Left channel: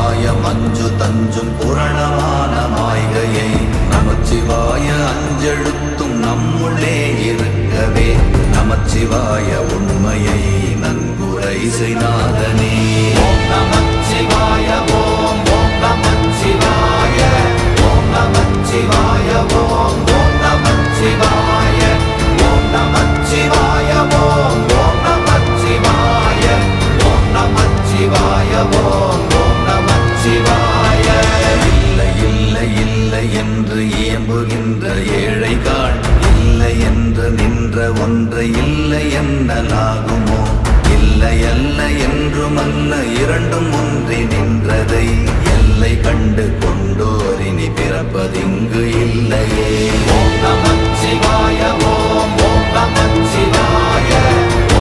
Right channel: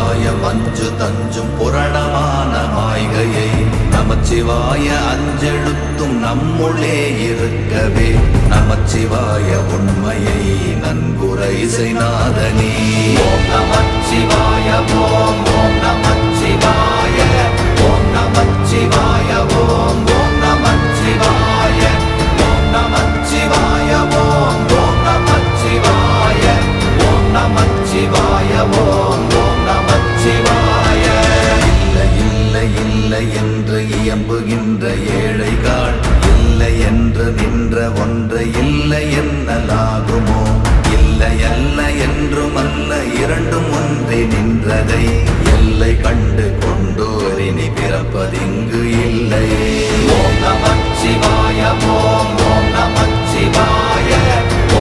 நமச்சிவாய மஞ்சு தஞ்சும் புரணமான மாய்கையை நமச்சிவாய அஞ்செழுத்தும் நம்முள்ளே இருக்கவே நமச்சிவாய உண்மையை நன்குரை செய்நாதனே. ஓம் நமச்சிவாய ஓம் ஓம் நமச்சிவாய ஓம் நமச்சிவாய ஓம் ஓம் நமச்சிவாய ஓம் நமச்சிவாய ஓம் ஓம் நமச்சிவாய ஓம் நமச்சிவாய ஓம் ஓம் நமச்சிவாய. இல்லை இல்லை இல்லை என்று இயம்புகின்ற ஏழைகாள் இல்லை என்று நின்ற ஒன்றை இல்லை என்னலாகுமோ? இல்லை அல்ல என்றும் அல்ல இரண்டும் ஒன்றி நின்றதை எல்லை கண்டு கொண்டோரினி பிறப்பதிங்கு இல்லையே. ஓம் நம